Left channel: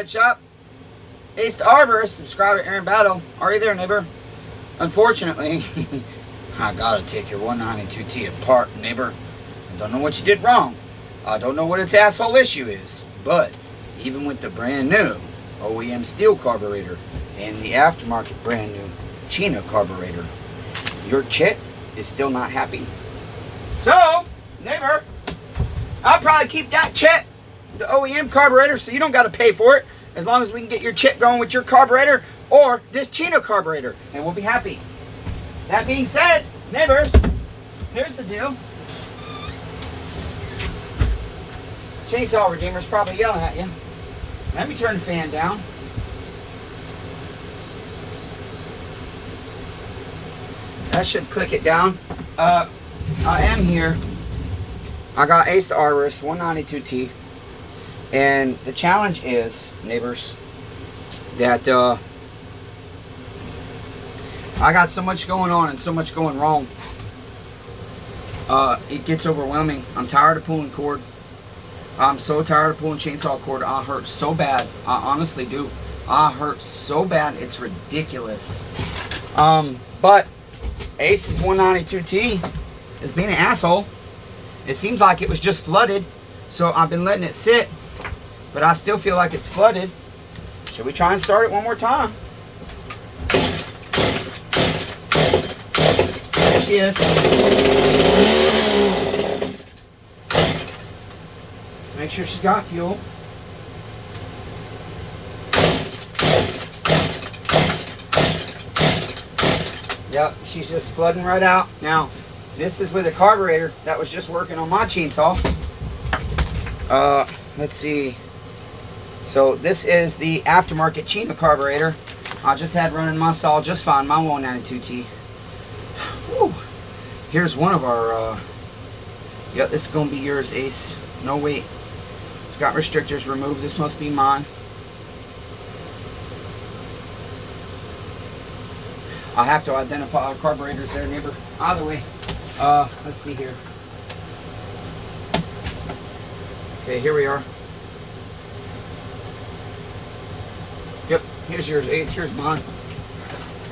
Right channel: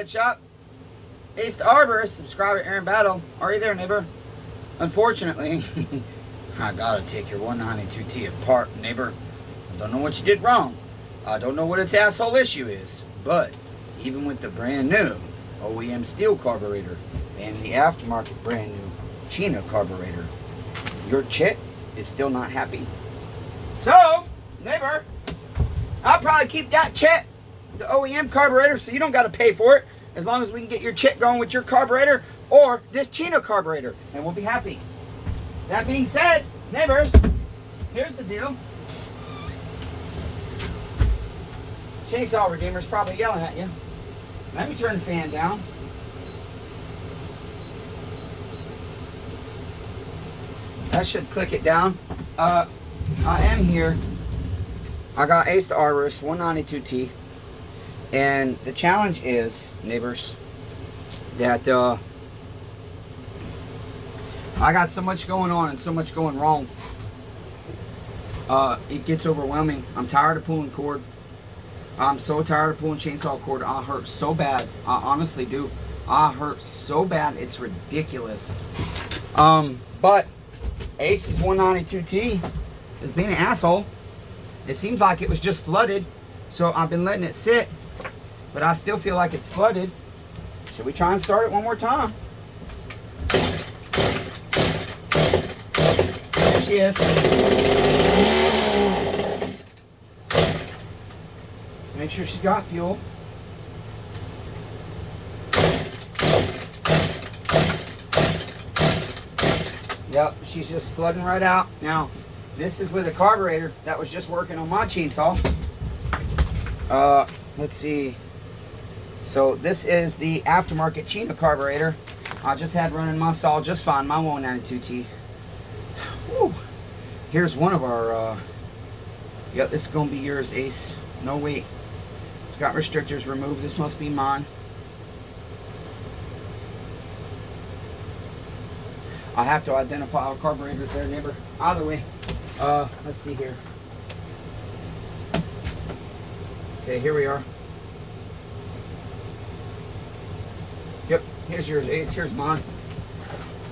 Shed Shop. Ace the Arborist, subscriber Aaron Battle. Are you there, neighbor? Unfortunately, I gotta take your 192T apart, neighbor. I don't know what you did wrong. I don't know what its asshole issue is. But even with the brand new OEM Stihl carburetor and the aftermarket brand new China carburetor, your chit is still not happy. So, neighbor, I'll probably keep that chit, the OEM carburetor, so you don't got to pay for it, as long as we can get your chit going with your carburetor or this China carburetor, and we'll be happy. That being said, neighbors, here's the deal. Chainsaw Redeemer's probably yelling at you. Let me turn the fan down. That should click it down. I am here. I got Ace the Arborist 192T. And the challenge is, neighbors, that I got so much going on and so much going wrong. It gets overwhelming. I'm tired of pulling cord. I'm so tired of pulling chainsaw cord. I hurt so bad. I honestly do. I hurt so bad. It's ridiculous. But Ace's 192T is being an asshole. It seems like it was just flooded. So I've been letting it sit. But I still feel like it's flooded. Should we try and start it one more time? There she is. Make sure she's got fuel. Yep, she's just flooding right out. Now, this is with a carburetor that was just working on my chainsaw. Let's see. So this is the aftermarket China carburetor. I just had running my saw just fine, my 192T. Whew. Here's one of our, yep, this is gonna be yours, Ace. No wait. It's got restrictors removed. This must be mine. I have to identify our carburetors there, neighbor. Either way, let's see here. Okay, here we are. Yep, here's yours, Ace. Here's mine.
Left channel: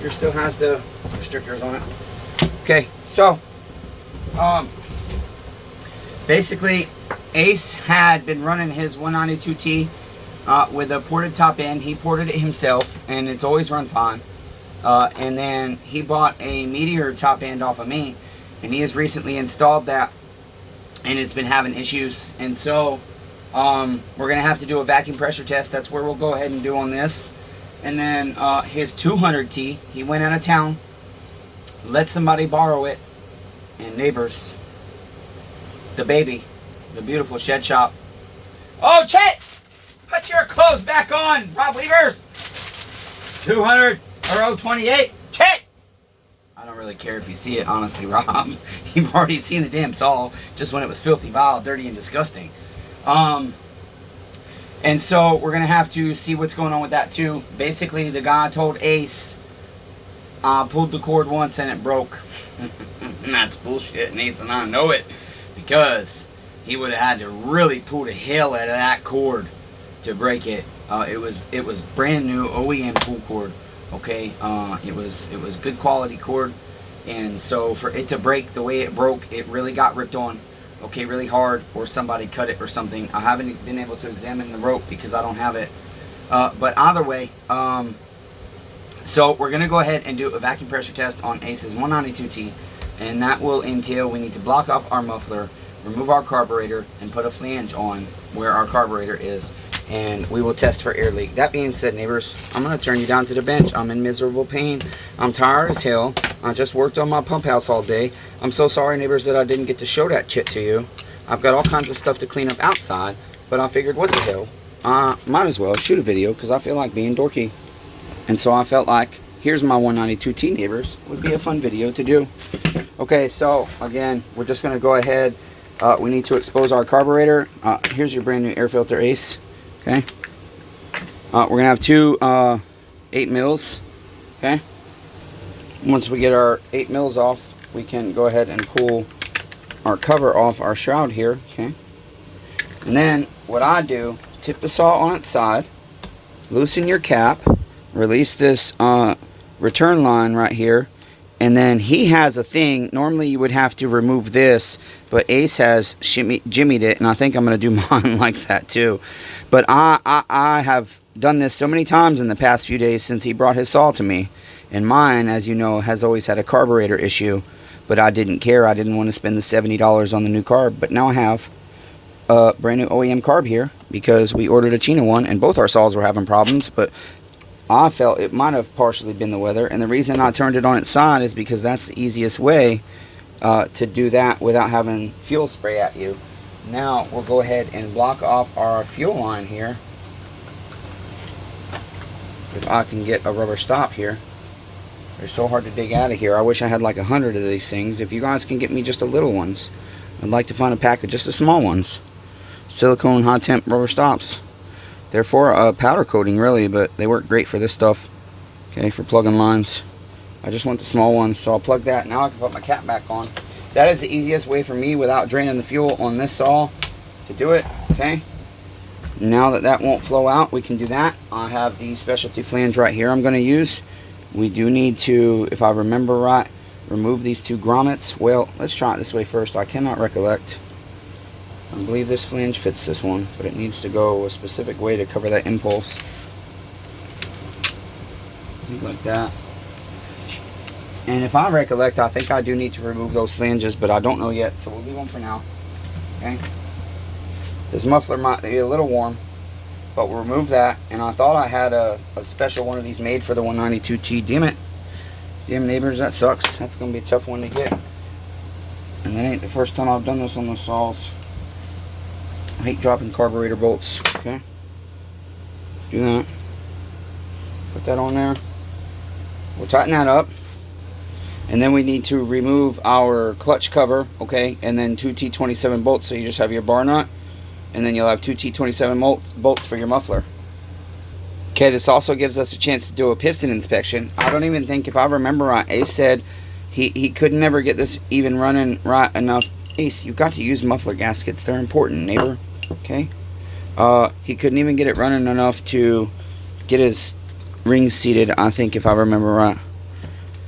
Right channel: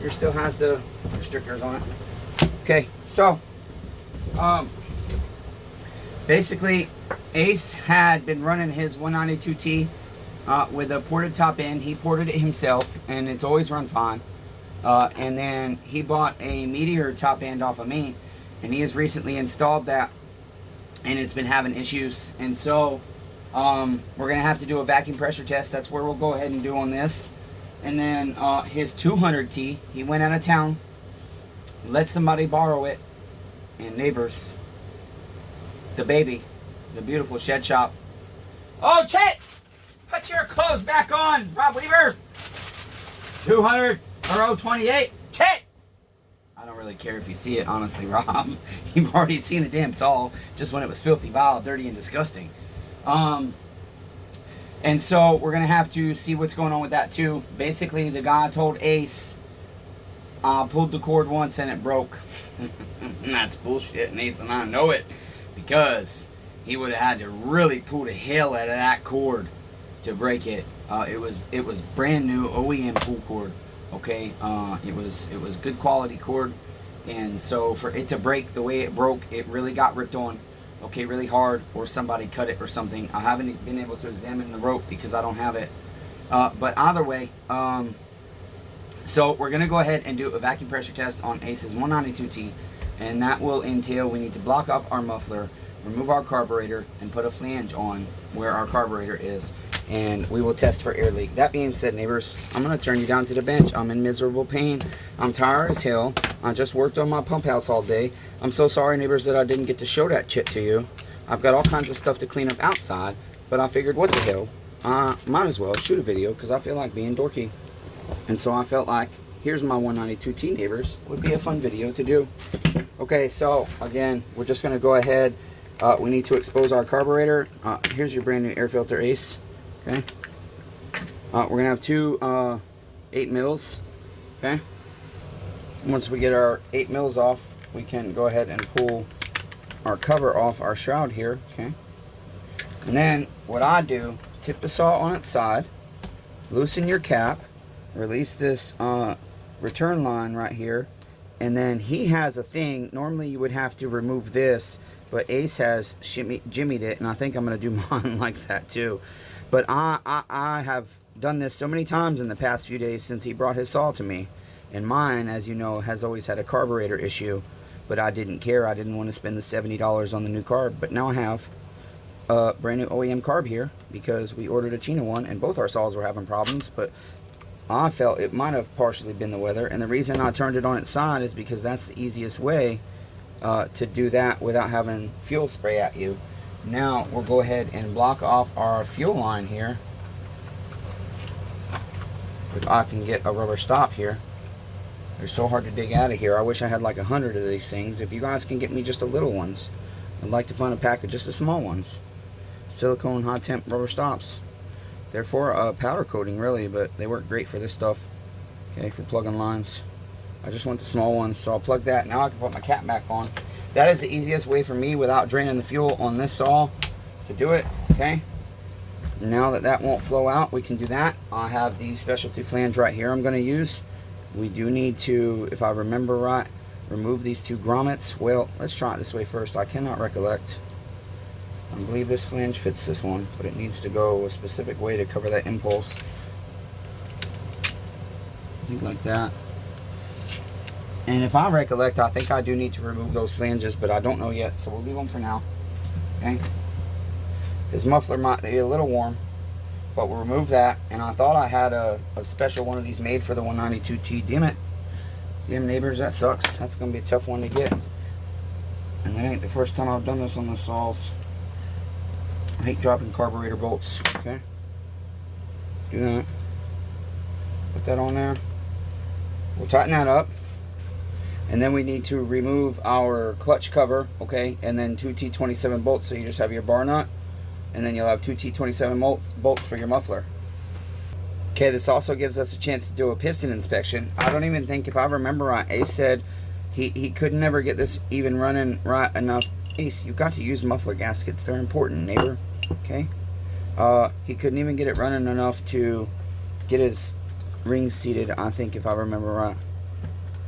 Yours still has the restrictors on it. Okay, so basically, Ace had been running his 192T with a ported top end. He ported it himself, and it's always run fine. And then he bought a Meteor top end off of me, and he has recently installed that, and it's been having issues. And so we're gonna have to do a vacuum pressure test. That's where we'll go ahead and do on this. And then his 200T, he went out of town, let somebody borrow it, and neighbors, the baby, the beautiful Shed Shop. Oh, Chet, put your clothes back on, Rob Weavers. 200 or 028, Chet. I don't really care if you see it, honestly, Rob. You've already seen the damn saw, just when it was filthy, vile, dirty, and disgusting. And so we're gonna have to see what's going on with that too. Basically, the guy told Ace, pulled the cord once and it broke. And that's bullshit, and Ace and I know it, because he would have had to really pull the hell out of that cord to break it. It was brand new OEM pull cord. Okay, it was good quality cord, and so for it to break the way it broke, it really got ripped on. Okay, really hard, or somebody cut it or something. I haven't been able to examine the rope because I don't have it. But either way, so we're gonna go ahead and do a vacuum pressure test on Ace's 192T, and that will entail we need to block off our muffler, remove our carburetor, and put a flange on where our carburetor is, and we will test for air leak. That being said, neighbors, I'm gonna turn you down to the bench. I'm in miserable pain. I'm tired as hell. I just worked on my pump house all day. I'm so sorry, neighbors, that I didn't get to show that shit to you. I've got all kinds of stuff to clean up outside, but I figured, what the hell, might as well shoot a video because I feel like being dorky. And so I felt like, here's my 192T, neighbors, would be a fun video to do. Okay, so again, we're just gonna go ahead. We need to expose our carburetor. Here's your brand new air filter, Ace. Okay. We're gonna have two 8 mils. Okay. Once we get our 8 mils off, we can go ahead and pull our cover off our shroud here. Okay. And then what I do, tip the saw on its side. loosen your cap, release this return line right here, and then he has a thing. Normally you would have to remove this, but Ace has jimmied it, and I think I'm going to do mine like that too. But I have done this so many times in the past few days since he brought his saw to me. And mine, as you know, has always had a carburetor issue. But I didn't care. I didn't want to spend the $70 on the new carb. But now I have a brand new OEM carb here because we ordered a China one, and both our saws were having problems. But I felt it might have partially been the weather. And the reason I turned it on its side is because that's the easiest way to do that without having fuel spray at you. Now we'll go ahead and block off our fuel line here. If I can get a rubber stop here. They're so hard to dig out of here. I wish I had like 100 of these things. If you guys can get me just the little ones, I'd like to find a pack of just the small ones. Silicone high temp rubber stops. They're for powder coating really, but they work great for this stuff. Okay, for plugging lines. I just want the small ones, so I'll plug that. Now I can put my cap back on. That is the easiest way for me without draining the fuel on this saw to do it. Okay. Now that that won't flow out, we can do that. I have the specialty flange right here I'm going to use. We do need to, if I remember right, remove these two grommets. Well, let's try it this way first. I cannot recollect. I believe this flange fits this one, but it needs to go a specific way to cover that impulse. Like that. And if I recollect, I think I do need to remove those flanges, but I don't know yet, so we'll leave them for now. Okay. This muffler might be a little warm, but we'll remove that. And I thought I had a special one of these made for the 192T. Damn it. Damn neighbors, that sucks. That's going to be a tough one to get. And that ain't the first time I've done this on the saws. I hate dropping carburetor bolts. Okay. Do that. Put that on there. We'll tighten that up. And then we need to remove our clutch cover, okay, and then two T27 bolts, so you just have your bar nut, and then you'll have two T27 bolts for your muffler. Okay, this also gives us a chance to do a piston inspection. I don't even think, if I remember right, Ace said he could never get this even running right enough. Ace, you got to use muffler gaskets. They're important, neighbor, okay? He couldn't even get it running enough to get his rings seated, I think, if I remember right.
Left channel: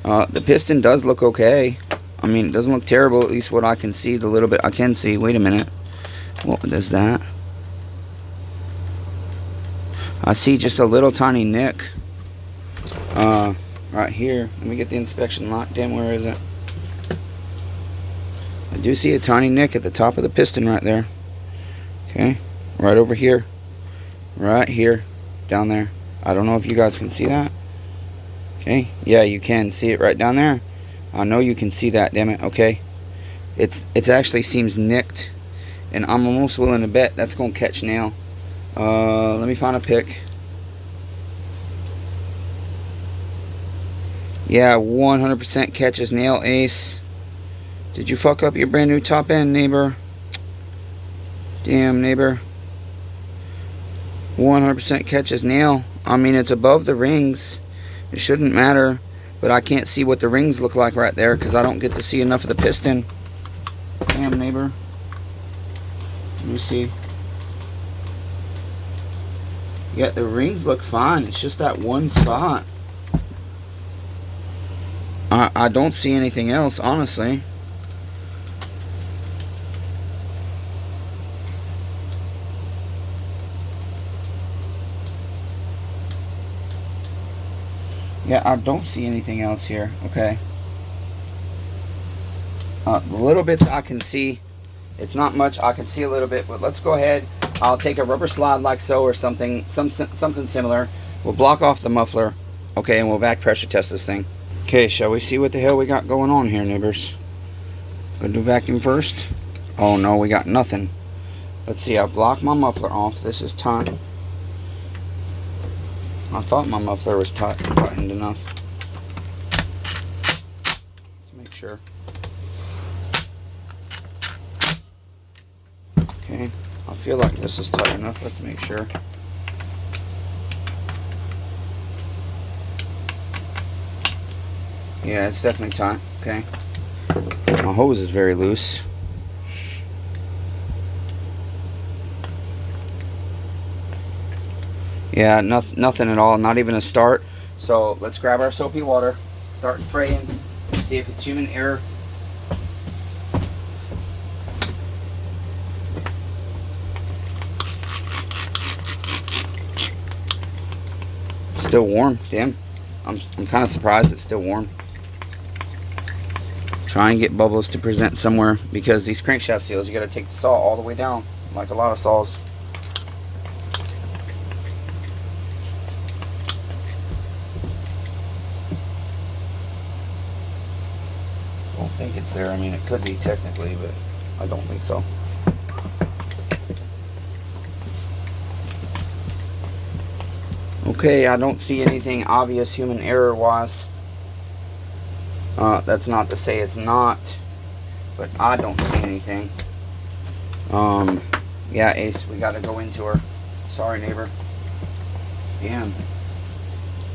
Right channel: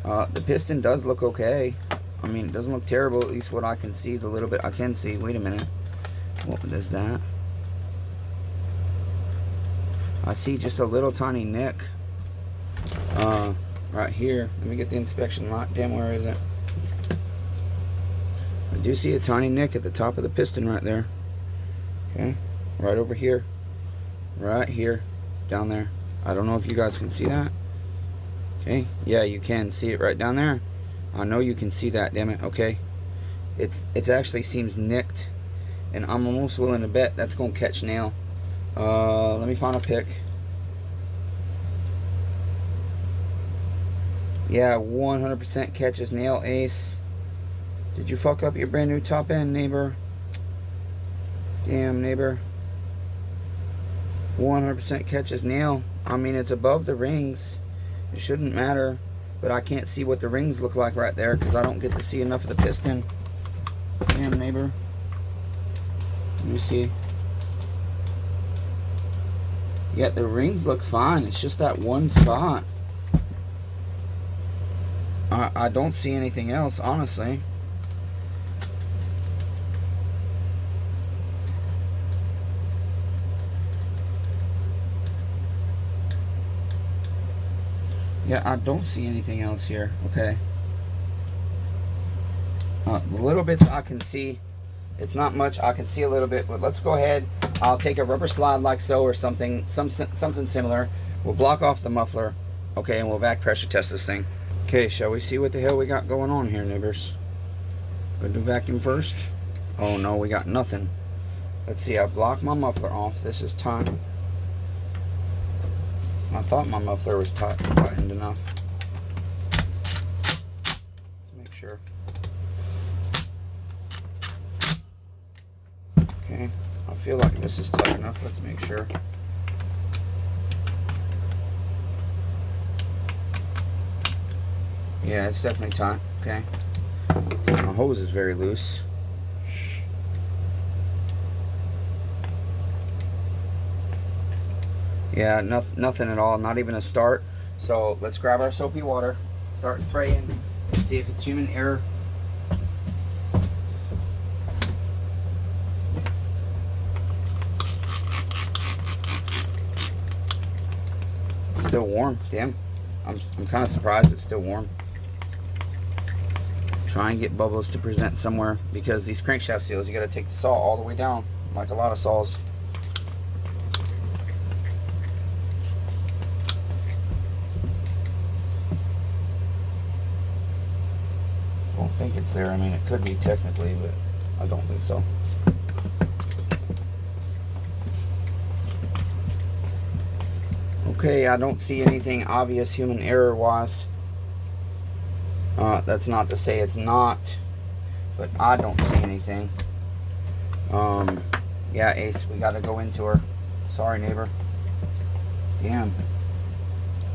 The piston does look okay. I mean, it doesn't look terrible, at least what I can see, the little bit I can see. Wait a minute. What does that? I see just a little tiny nick. Right here. Let me get the inspection locked in. Where is it? I do see a tiny nick at the top of the piston right there. Okay. Right over here. Right here. Down there. I don't know if you guys can see that. Okay, yeah, you can see it right down there. I know you can see that, damn it. Okay, it actually seems nicked, and I'm almost willing to bet that's gonna catch nail. Let me find a pick. Yeah, 100% catches nail, Ace. Did you fuck up your brand new top end, neighbor? Damn, neighbor. 100% catches nail. I mean, it's above the rings. It shouldn't matter, but I can't see what the rings look like right there because I don't get to see enough of the piston. Damn, neighbor. Let me see. Yeah, the rings look fine. It's just that one spot. I don't see anything else, honestly. Yeah, I don't see anything else here. Okay. The little bits I can see, it's not much. I can see a little bit, but let's go ahead. I'll take a rubber slide like so, or something similar. We'll block off the muffler, okay, and we'll back pressure test this thing. Okay, shall we see what the hell we got going on here, neighbors? Gonna do vacuum first. Oh no, we got nothing. Let's see. I blocked my muffler off. This is time. I thought my muffler was tightened enough. Let's make sure. Okay, I feel like this is tight enough. Let's make sure. Yeah, it's definitely tight. Okay. My hose is very loose. Yeah, nothing at all, not even a start. So let's grab our soapy water, start spraying, and see if it's human error. Still warm, damn. I'm kind of surprised it's still warm. Try and get bubbles to present somewhere, because these crankshaft seals, you got to take the saw all the way down, like a lot of saws. Don't think it's there. I mean, it could be technically, but I don't think so. Okay, I don't see anything obvious human error wise. That's not to say it's not, but I don't see anything. Yeah, Ace, we gotta go into her. Sorry, neighbor. Damn.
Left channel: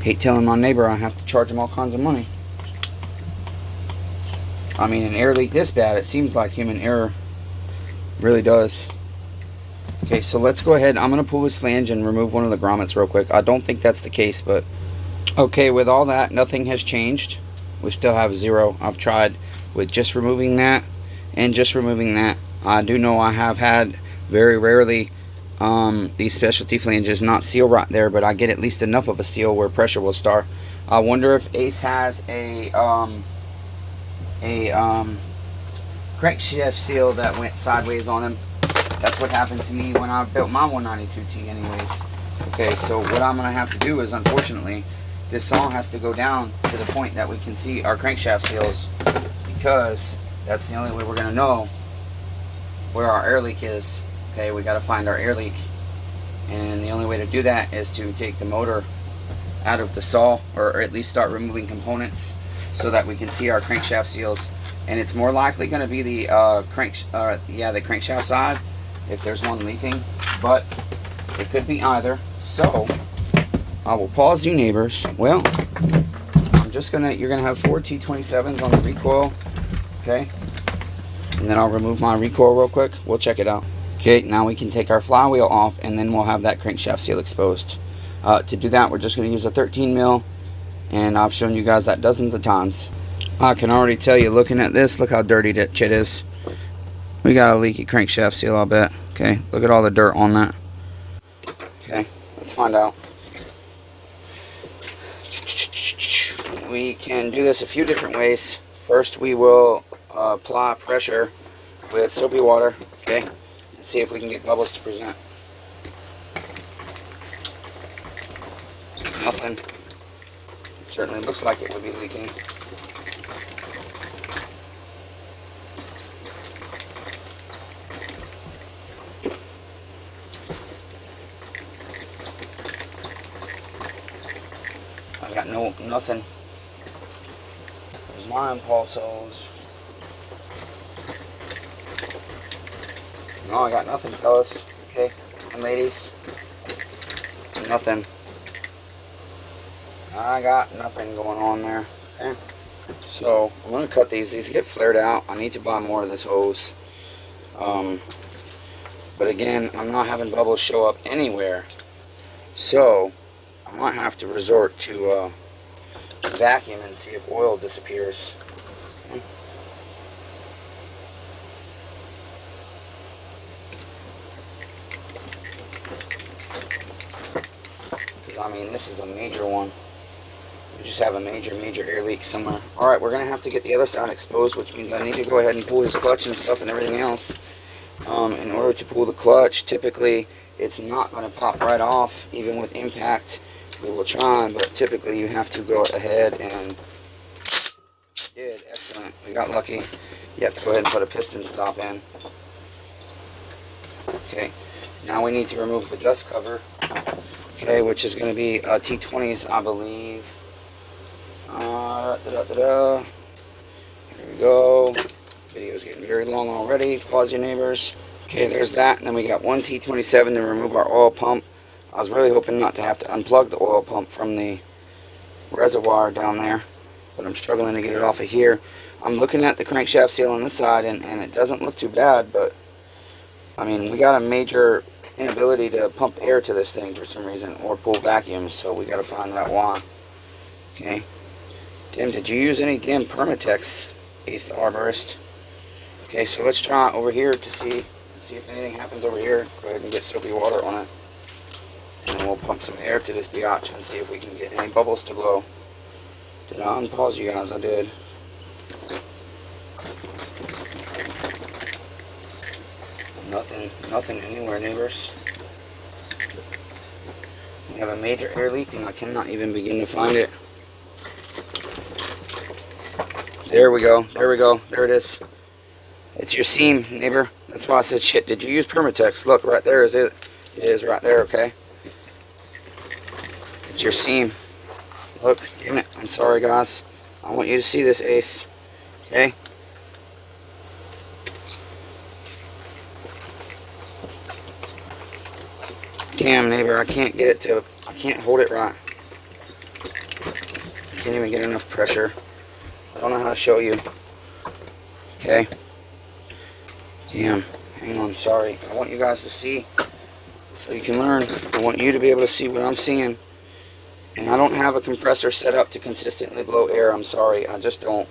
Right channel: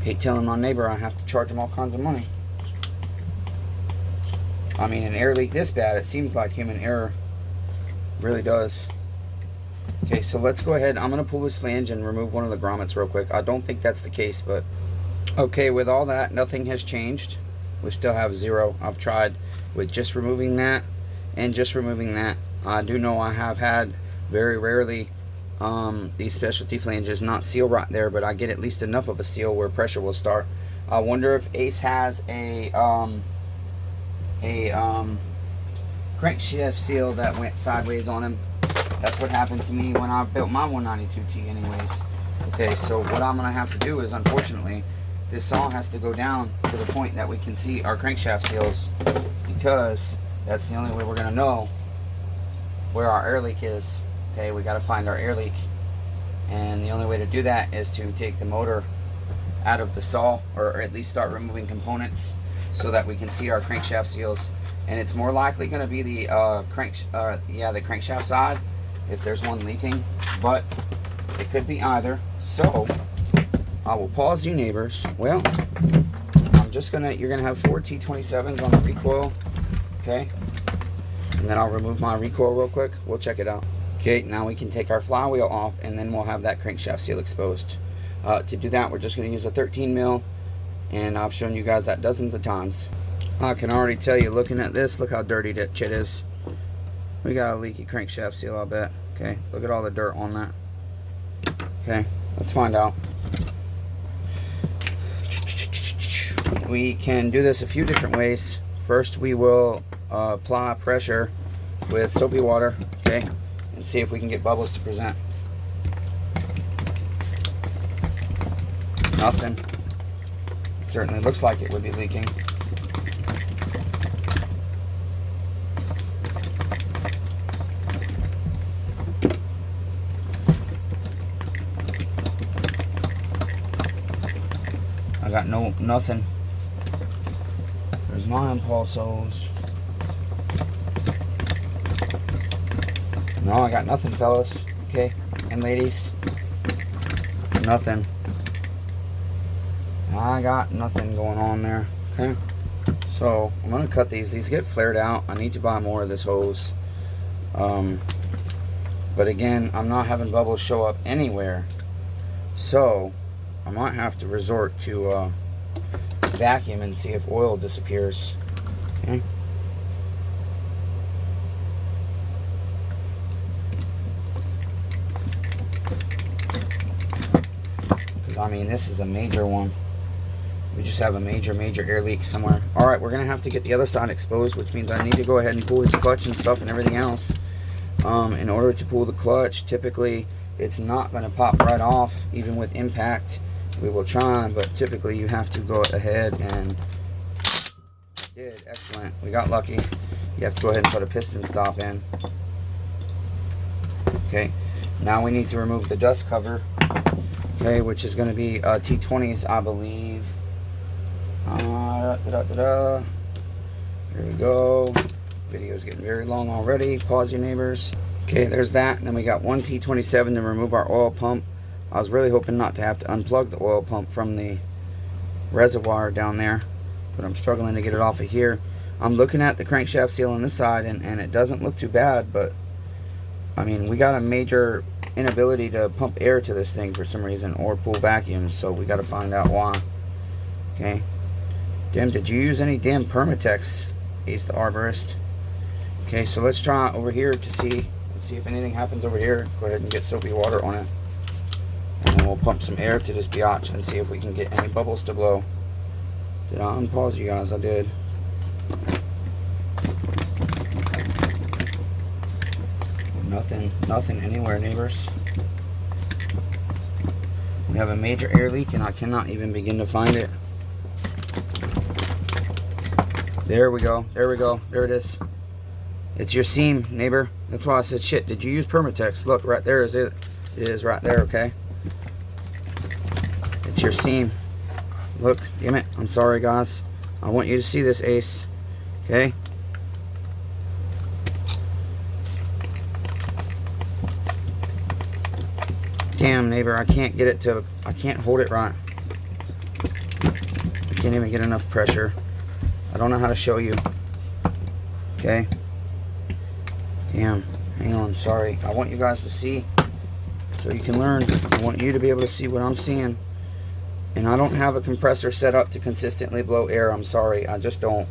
Hate telling my neighbor I have to charge him all kinds of money. I mean, an air leak this bad, it seems like human error. Really does. Okay, so let's go ahead. I'm going to pull this flange and remove one of the grommets real quick. I don't think that's the case, but... Okay, with all that, nothing has changed. We still have 0. I've tried with just removing that and just removing that. I do know I have had very rarely these specialty flanges not seal right there, but I get at least enough of a seal where pressure will start. I wonder if Ace has a crankshaft seal that went sideways on him. That's what happened to me when I built my 192T anyways. Okay, so what I'm going to have to do is, unfortunately, this saw has to go down to the point that we can see our crankshaft seals, because that's the only way we're going to know where our air leak is. Okay, we got to find our air leak, and the only way to do that is to take the motor out of the saw, or at least start removing components so that we can see our crankshaft seals. And it's more likely going to be the the crankshaft side if there's one leaking, but it could be either. So I will pause you, neighbors. Well, you're gonna have 4 T27s on the recoil, okay? And then I'll remove my recoil real quick. We'll check it out. Okay, now we can take our flywheel off, and then we'll have that crankshaft seal exposed. To do that, we're just gonna use a 13 mil, and I've shown you guys that dozens of times. I can already tell you, looking at this, look how dirty that shit is. We got a leaky crankshaft seal, I'll bet. Okay, look at all the dirt on that. Okay, let's find out. We can do this a few different ways. First, we will apply pressure with soapy water, okay, and see if we can get bubbles to present. Nothing. It certainly looks like it would be leaking. I got nothing. There's my impulse hose. No, I got nothing, fellas. Okay, and ladies, nothing. I got nothing going on there. Okay, so I'm gonna cut these. These get flared out. I need to buy more of this hose. But again, I'm not having bubbles show up anywhere, so I might have to resort to vacuum and see if oil disappears. Okay. Because I mean, this is a major one. We just have a major air leak somewhere. Alright, we're going to have to get the other side exposed, which means I need to go ahead and pull this clutch and stuff and everything else. In order to pull the clutch, typically it's not going to pop right off, even with impact. We will try, but typically you have to go ahead and... Did. Excellent. We got lucky. You have to go ahead and put a piston stop in. Okay, now we need to remove the dust cover. Okay, which is going to be T20s, I believe. Here we go. Video's getting very long already. Pause your neighbors. Okay, there's that. And then we got one T27 to remove our oil pump. I was really hoping not to have to unplug the oil pump from the reservoir down there, but I'm struggling to get it off of here. I'm looking at the crankshaft seal on this side, and it doesn't look too bad, but I mean, we got a major inability to pump air to this thing for some reason, or pull vacuums, so we got to find out why. Okay. Damn, did you use any damn Permatex, Ace the Arborist? Okay, so let's try over here to see. Let's see if anything happens over here. Go ahead and get soapy water on it. And then we'll pump some air to this biatch and see if we can get any bubbles to blow. Did I unpause you guys? I did. Nothing anywhere, neighbors. We have a major air leak and I cannot even begin to find it. There we go. There we go. There it is. It's your seam, neighbor. That's why I said, shit, did you use Permatex? Look, right there is it. It is right there, okay? It's your seam. Look, damn it. I'm sorry, guys. I want you to see this, Ace. Okay? Damn, neighbor, I can't get it to... I can't hold it right. I can't even get enough pressure. I don't know how to show you. Okay? Damn. Hang on, sorry. I want you guys to see so you can learn. I want you to be able to see what I'm seeing. And I don't have a compressor set up to consistently blow air. I'm sorry. I just don't.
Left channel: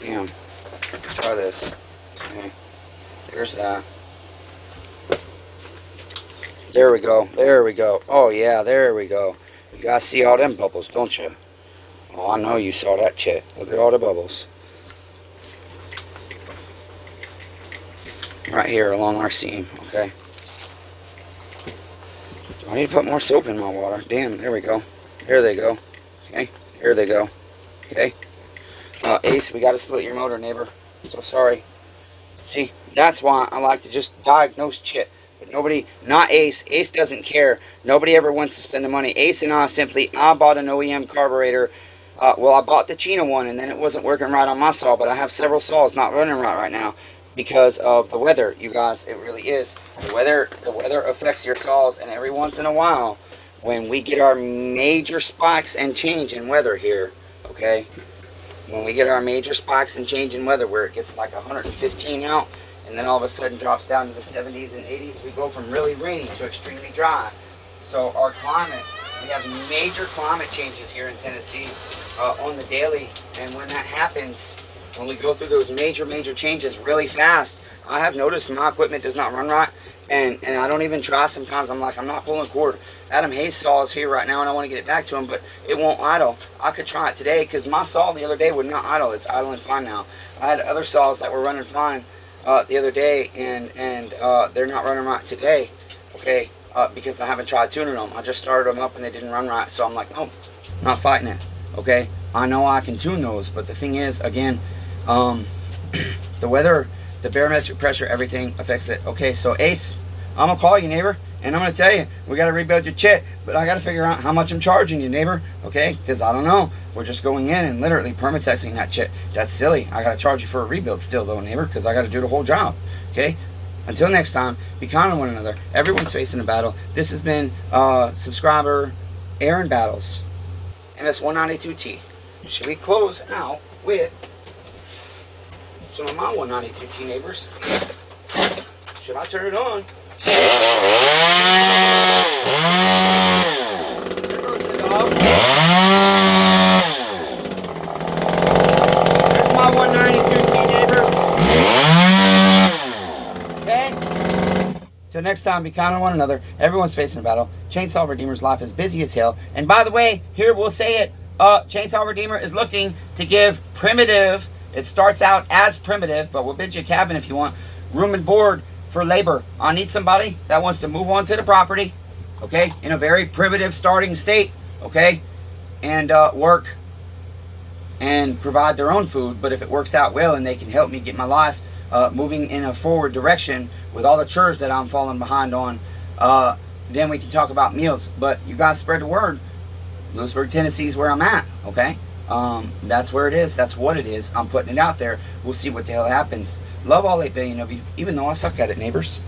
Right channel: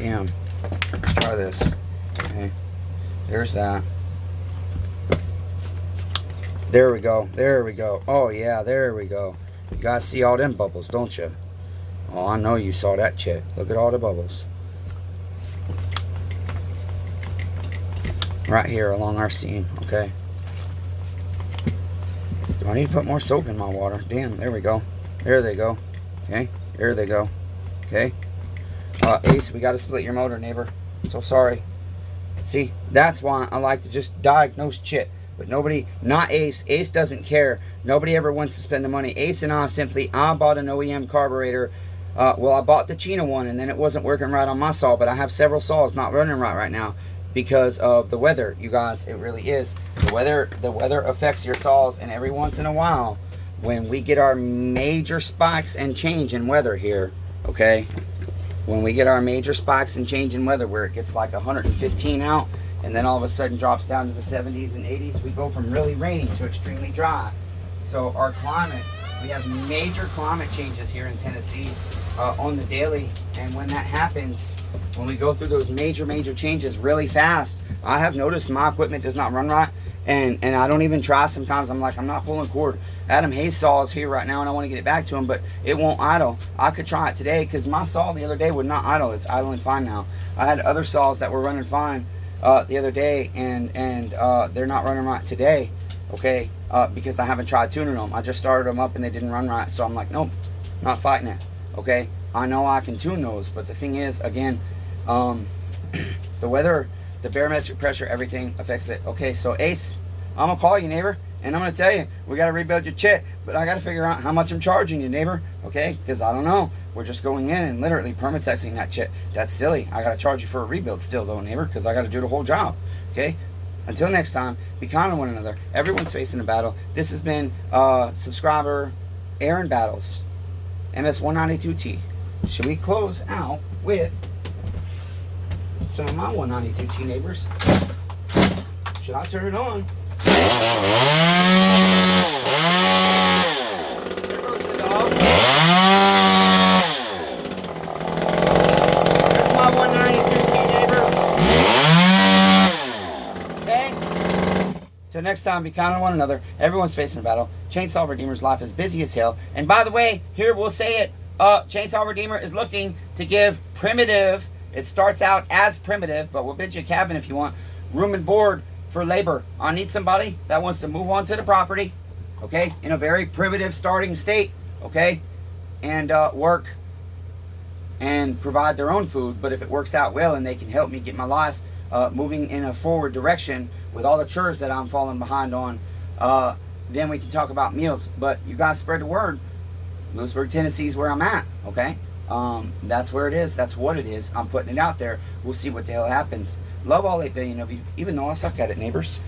Damn. Let's try this. Okay. There's that. There we go. There we go. Oh, yeah. There we go. You guys see all them bubbles, don't you? Oh, I know you saw that, Chet. Look at all the bubbles. Right here along our seam, okay? Do I need to put more soap in my water? Damn, there we go. There they go. Okay, there they go. Okay. Ace, we got to split your motor, neighbor. So sorry. See, that's why I like to just diagnose shit. But nobody, not Ace. Ace doesn't care. Nobody ever wants to spend the money. Ace and I bought an OEM carburetor. Well, I bought the Chino one, and then it wasn't working right on my saw. But I have several saws not running right now because of the weather. You guys, it really is. The weather affects your saws, and every once in a while, when we get our major spikes and change in weather here, okay? When we get our major spikes and change in weather where it gets like 115 out, and then all of a sudden drops down to the 70s and 80s, we go from really rainy to extremely dry. So our climate, we have major climate changes here in Tennessee on the daily, and when that happens, when we go through those major changes really fast, I have noticed my equipment does not run right, and I don't even try sometimes. I'm like, I'm not pulling cord. Adam Hayes' saw is here right now, and I want to get it back to him, but it won't idle. I could try it today, because my saw the other day would not idle. It's idling fine now. I had other saws that were running fine the other day, and they're not running right today, okay, because I haven't tried tuning them. I just started them up and they didn't run right, so I'm like, nope, not fighting it, okay? I know I can tune those, but the thing is, again, the weather, the barometric pressure, everything affects it. Okay, so Ace, I'm gonna call you, neighbor, and I'm gonna tell you, we gotta rebuild your chit, but I gotta figure out how much I'm charging you, neighbor, okay? Because I don't know. We're just going in and literally permatexing that chit. That's silly. I gotta charge you for a rebuild still, though, neighbor, because I gotta do the whole job, okay? Until next time, be kind to one another. Everyone's facing a battle. This has been subscriber Aaron Battles, ms192t. Should we close out with some of my 192t neighbors? Should I turn it on? There goes the dog. That's my 192t neighbors. Okay? Till next time, be kind to one another. Everyone's facing a battle. Chainsaw Redeemer's life is busy as hell. And by the way, here we'll say it. Chainsaw Redeemer is looking to give primitive. It starts out as primitive, but we'll bid you a cabin if you want. Room and board for labor. I need somebody that wants to move on to the property, okay, in a very primitive starting state, okay, and work and provide their own food. But if it works out well and they can help me get my life moving in a forward direction with all the chores that I'm falling behind on, then we can talk about meals. But you guys spread the word. Lewisburg, Tennessee is where I'm at, okay? That's where it is. That's what it is. I'm putting it out there. We'll see what the hell happens. Love all 8 billion of you, even though I suck at it, neighbors.